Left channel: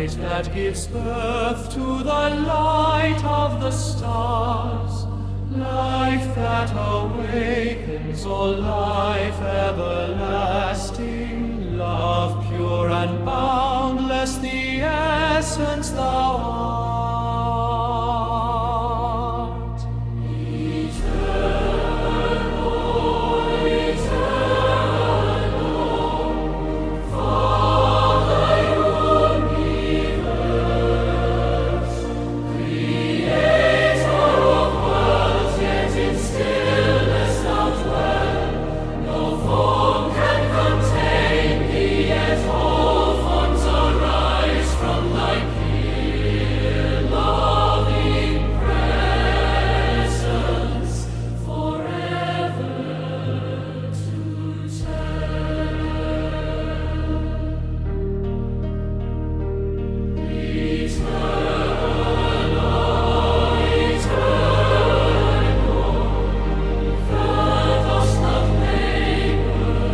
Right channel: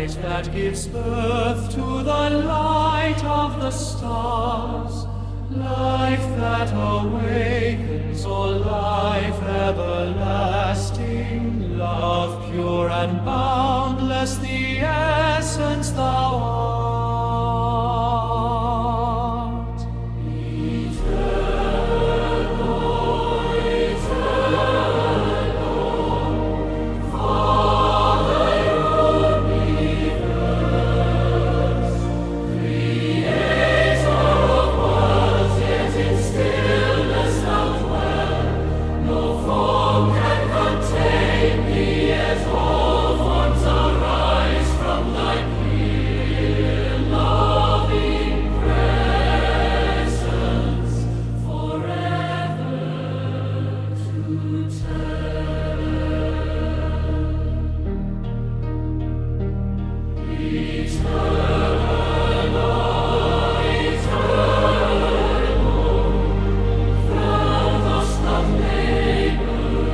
light that gives birth to the light of the stars, life that awakens, O life everlasting, love pure and boundless, the essence thou art. Eternal, eternal, Father universe, Creator of worlds, yet in stillness thou dwell. No form can contain thee, yet all forms arise from thy pure loving presence, forever to tell. Eternal, eternal, thou dost not labor,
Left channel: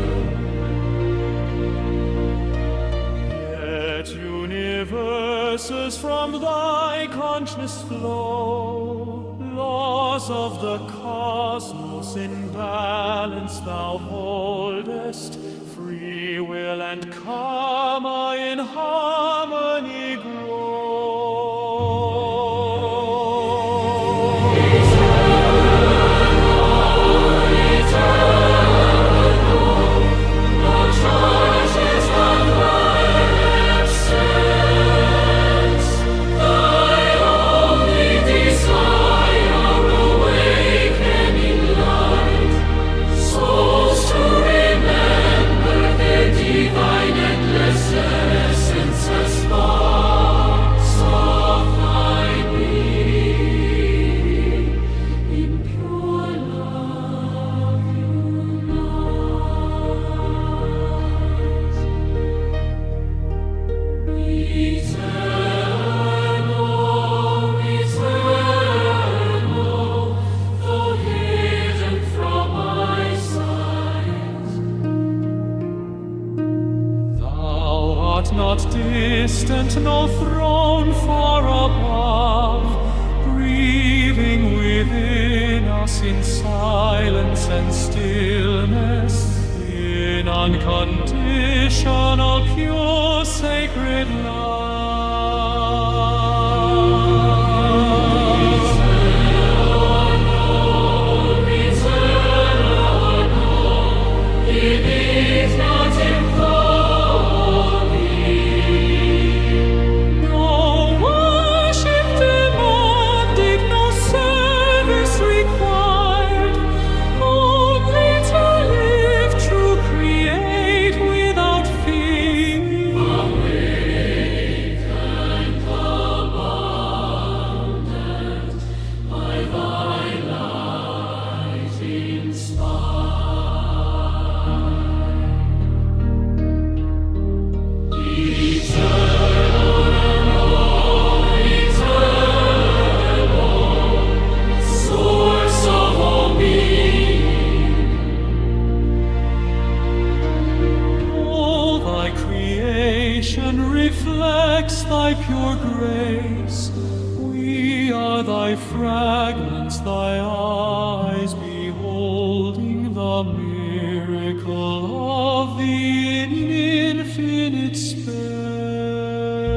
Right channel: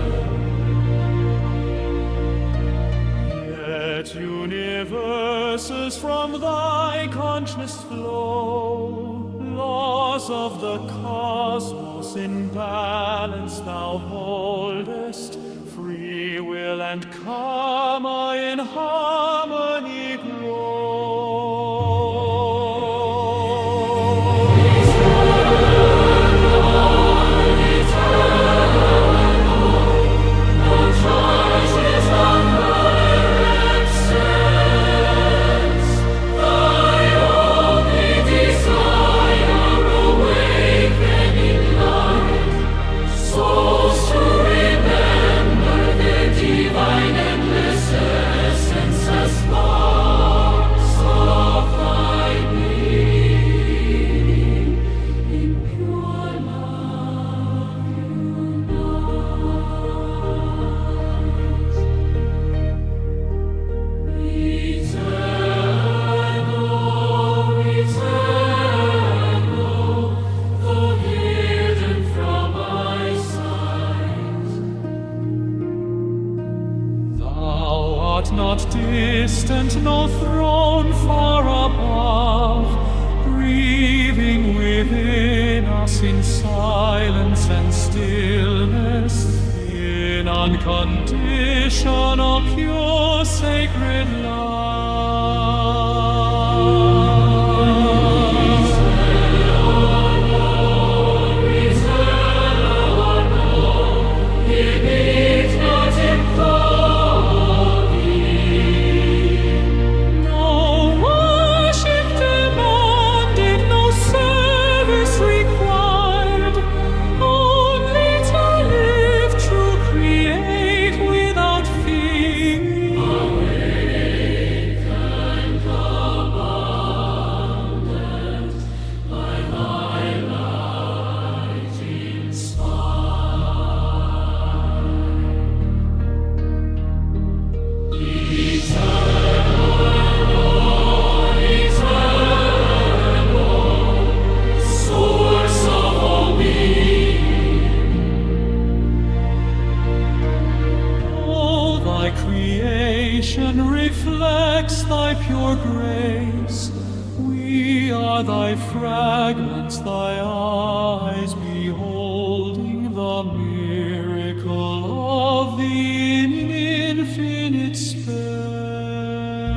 yet universes from thy consciousness flow. Laws of the cosmos in balance thou holdest, free will and karma in harmony grow. Eternal, no church is on higher essence. Thy only desire, awakening light, souls to remember their divine endless essence as sparks of thy being, in pure love unites. Eternal, eternal, though hidden from eyesight, thou art not distant, no throne far above, breathing within us in silence and stillness, in unconditional, pure, sacred love. Eternal, in ignotim no worship demanded, no service required, only to live true, create without fear. Awakened abundant by thy light inspired. Eternal, source of all being, all thy creation reflects thy pure grace. We are thy fragments, thy eyes beholding the miracle. miracle of the infinite space.